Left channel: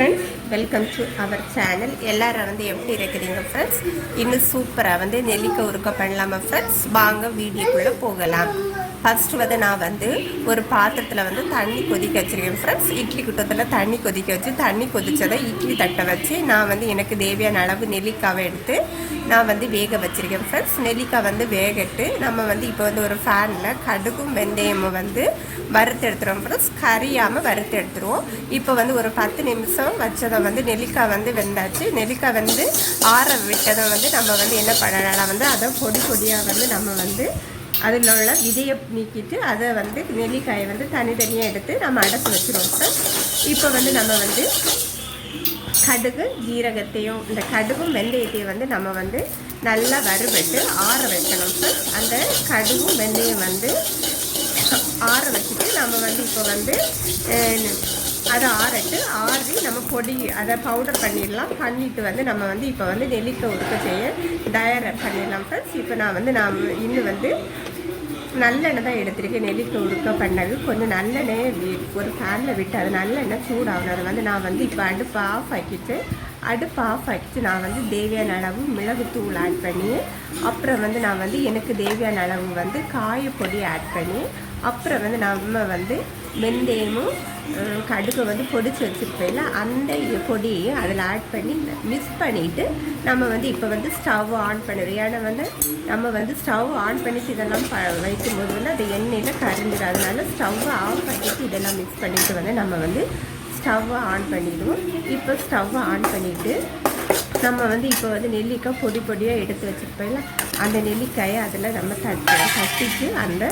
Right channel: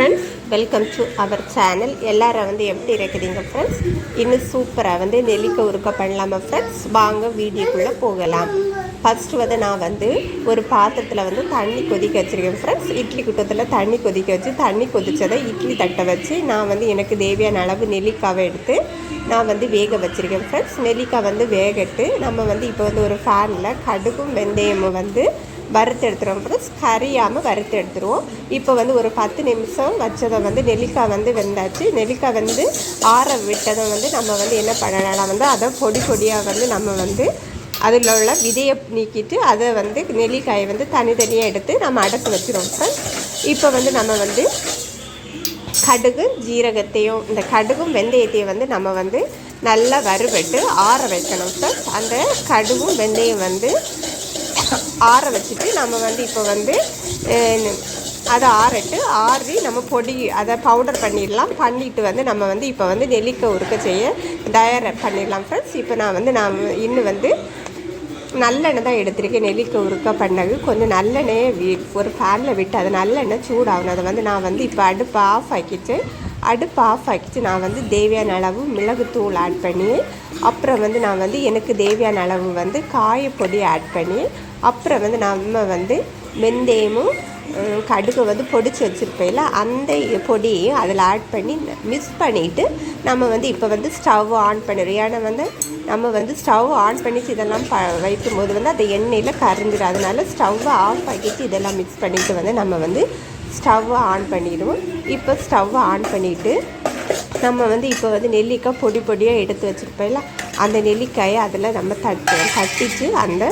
Friends, welcome to our channel. எல்லாரும் வந்து எப்படி இருக்குதுங்க ஃப்ரெண்ட்ஸ்? இன்னும் சூப்பராக வந்து நெல்லிக்காய் உருக்கை பண்ணலாமா ஃப்ரெண்ட்ஸ்? வாங்க வீடியோக்குள்ளே போகலாம். ஃபஸ்ட்டு வந்து நான் வந்து ஒரு பாத்திரத்தில் வந்து தண்ணி கொதிக்க வச்சுருக்கேன் ஃப்ரெண்ட்ஸ். இட்லி குட்டத்தில் தண்ணி கொதிக்க வச்சு தண்ணி கொதித்ததை இட்லி தட்டை வச்சு நான் வந்து எனக்கு தேவையான அளவு நெல்லிக்காவை எடுத்து நான் வந்து வேக வச்சுருக்கேன் ஃப்ரெண்ட்ஸ். நெல்லிக்காய் வந்து வேகட்டு நம்ம வந்து இப்போ வந்து ஒரு ஃபேனில் கடுகும் வெந்தயமும் வந்து வறுத்து எடுத்துருவோம் ஃப்ரெண்ட்ஸ். கறியாமல் வறுத்து எடுத்துருவோம். இப்போ வந்து ஒரு 10 நிமிஷம் வச்சதை வந்து நெல்லிக்காய் வந்து வெந்தாச்சு. நெல்லிக்காய் வந்து ஆற விட்டதை வந்து நம்ம வந்து என்ன பண்ணலாம் வந்து அதை பொடி பொடியாக வந்து நம்ம வந்து அதில் உள்ள விதையை நீக்கிட்டு அதை வந்து நெல்லிக்காயை வந்து தனித்தனியாக எடுத்து நம்ம அடைச்சி வச்சுருவோம் ஃப்ரெண்ட்ஸ். இப்போ வந்து நம்ம வந்து கடுகு ஜீரகத்தையும் இந்த கடுகும் வெந்தயத்தையும் வந்து நம்ம வந்து நல்லா வறுபட்டு ஆற வைக்கணும் ஃப்ரெண்ட்ஸ். அந்த கடுகும் வெந்தயம் வந்து ஆற வச்சுட்டு நம்ம வந்து இப்போ வந்து அதை ஆறி நம்ம பொடி அதை பவுடர் பண்ணிட்டு வந்து நம்ம வந்து இப்போ வந்து நெல்லிக்காய் உருக்க செய்ய தயார் பண்ணிடலாம் ஃப்ரெண்ட்ஸ். இப்போ நான் இன்னும் வந்து நல்லெண்ணெய் தான் எடுத்திருக்கேன். நெல்லிக்காய் உருக்கா பண்ணது கொஞ்சம் நல்லெண்ணெயை ஒரு ஃபேனில் விட்டு அது நல்லெண்ணெய் சூடாகணும். அதை வந்து நான் வந்து இப்போ அடுப்பு ஆஃப் ஆக்கிட்டு நான் வந்து தேவையான அளவு மிளகுத்தூள் ஆட் பண்ணி அப்புறம் வந்து நான் வந்து எனக்கு தேவையான அளவு வந்து காயப்பொடி ஆட் பண்ணி அப்புறம் வந்து நம்ம வந்து வெந்தயமும் கடுகு வந்து பொடிச்சு வச்சுருப்பேன்ல அந்த பொடியை அதில் ஆட் பண்ணி மிக்ஸ் பண்ணிவிட்டு நம்ம வந்து இப்போ வந்து ஸ்டவ் ஆன் பண்ணிடுவோம். ஏன்னா வந்து நம்ம வந்து ஸ்டவ் ஆன் பண்ணிவிட்டு இதெல்லாம் வைக்கும்போது வந்து அந்த எண்ணெயில் கரைஞ்சிடும். அதனால ஸ்டவ்வை ஆஃப் பண்ணிவிட்டு இதெல்லாம் மிக்ஸ் பண்ணிவிட்டு வந்து நம்ம வந்து ஸ்டவ்வை ஆன் பண்ணிடுவோம். இப்போ ஸ்டவ்வை ஆன் பண்ணிவிட்டு நம்ம வந்து இப்போ வந்து நெல்லிக்காய் பொடி பொடியாக எடுத்து வச்சுருப்போம்ல அந்த நெல்லிக்காயை அதில் நம்ம தட்டிட்டு அந்த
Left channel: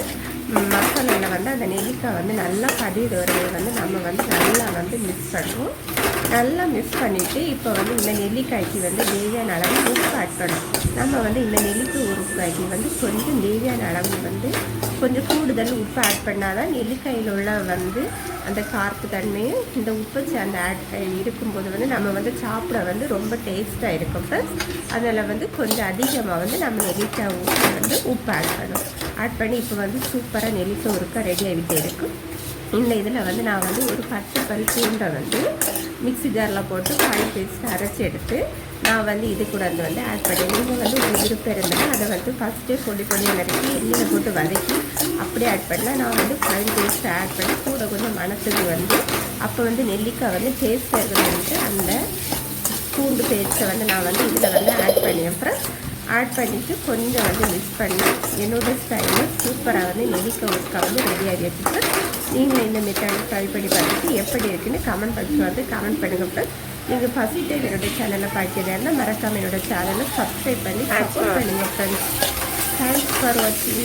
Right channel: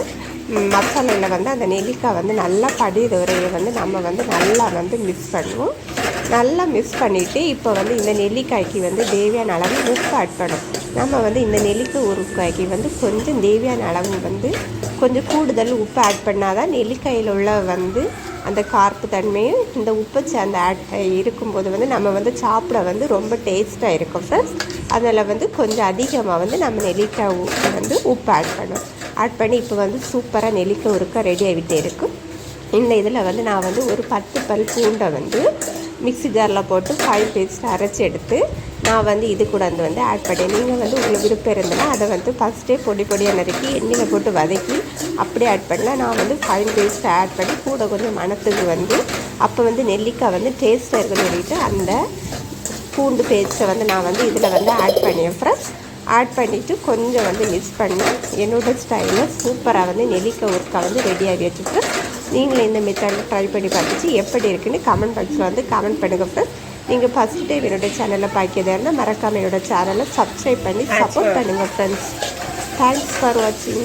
மசாலையில் வந்து அந்த நெல்லிக்காய் வந்து நல்லா படிகிற வரையை வந்து நம்ம வந்து நல்லா வந்து மிக்ஸ் பண்ணுவோம். நல்லா மிக்ஸ் பண்ணிவிட்டு இப்போ வந்து இந்த நெல்லிக்காய்க்கு வந்து தேவையான அளவு உப்பு ஆட் பண்ணும். நம்ம வந்து இந்த நெல்லிக்காய் உருக்காய்க்கு வந்து கொஞ்சம் தேவையான அளவு வந்து கொஞ்சம் கூடுதல் உப்பு ஆட் பண்ணால் தான் நெல்லிக்காயில் உள்ள வந்து அந்த கார்ப்பு தன்மையும் இந்த உப்பு சேர்ந்து இருக்கும்போது வந்து நம்ம வந்து சாப்பிட வந்து ரொம்ப டேஸ்ட்டாக இருக்கும் ஃப்ரெண்ட்ஸ். அதில் வந்து கொஞ்சம் அதிகமாக வந்து நம்ம நெல்லிக்காய் வந்து உப்பு ஆட் பண்ணி இப்போ வந்து சூப்பராக நெல்லிக்காய் உருக்க ரெடி ஆகிட்டே இருக்கும். இந்த இதில் வந்து நான் வந்து ஒரு 10 பல் பூண்டை வந்து மிக்ஸி ஜாரில் போட்டு ஃபைன் பேஸ்ட் அரைச்சி எடுத்து நான் வந்து இது கூட வந்து ஆட் பண்ணேன். நீங்கள் வந்து உங்களுக்கு விருப்பம் இருந்தேன்னா அதை வந்து ஃபஸ்ட்டே பொடியாக நறுக்கி எண்ணெயில் போட்டு வதக்கி அப்படியே ஆட் பண்ணலாம். நான் வந்து ஃபைன் பேஸ்ட் ஆட் பண்ணி கூட கொஞ்சம் மணத்துக்கு வந்து அப்போ வந்து நெல்லிக்காய் வந்து டேஸ்ட்டாக இருக்கணும்னுட்டு அந்த பூண்டு பேஸ்ட்டை வந்து நான் வந்து இதில் வந்து ஆட் பண்ணியேன் ஃப்ரெண்ட்ஸ். ஆட் பண்ணிவிட்டு கொஞ்சம் வந்து மிக்ஸ் பண்ணி என்னோடய ஸ்டைலில் சூப்பராக வந்து நெல்லிக்காய் உருக்கா வந்து ரெடியாகி வச்சுட்டு நீங்களும் இந்த மெத்தடில் ட்ரை பண்ணி பார்த்துட்டு எப்படி இருக்குன்னு கமெண்ட் பாக்ஸில் வந்து கமெண்ட் பண்ணுங்கள் ஃப்ரெண்ட்ஸ். நீங்கள் ஃபஸ்ட் டைம் என்னோடய சேனலில் பார்க்கிறதா மறக்காமல் என்னோடய சேனலை சப்ஸ்கிரைப் பண்ணி சப்போர்ட் பண்ணுங்கள் ஃப்ரெண்ட்ஸ். தேங்க்ஸ் ஃபார் வாட்சிங்.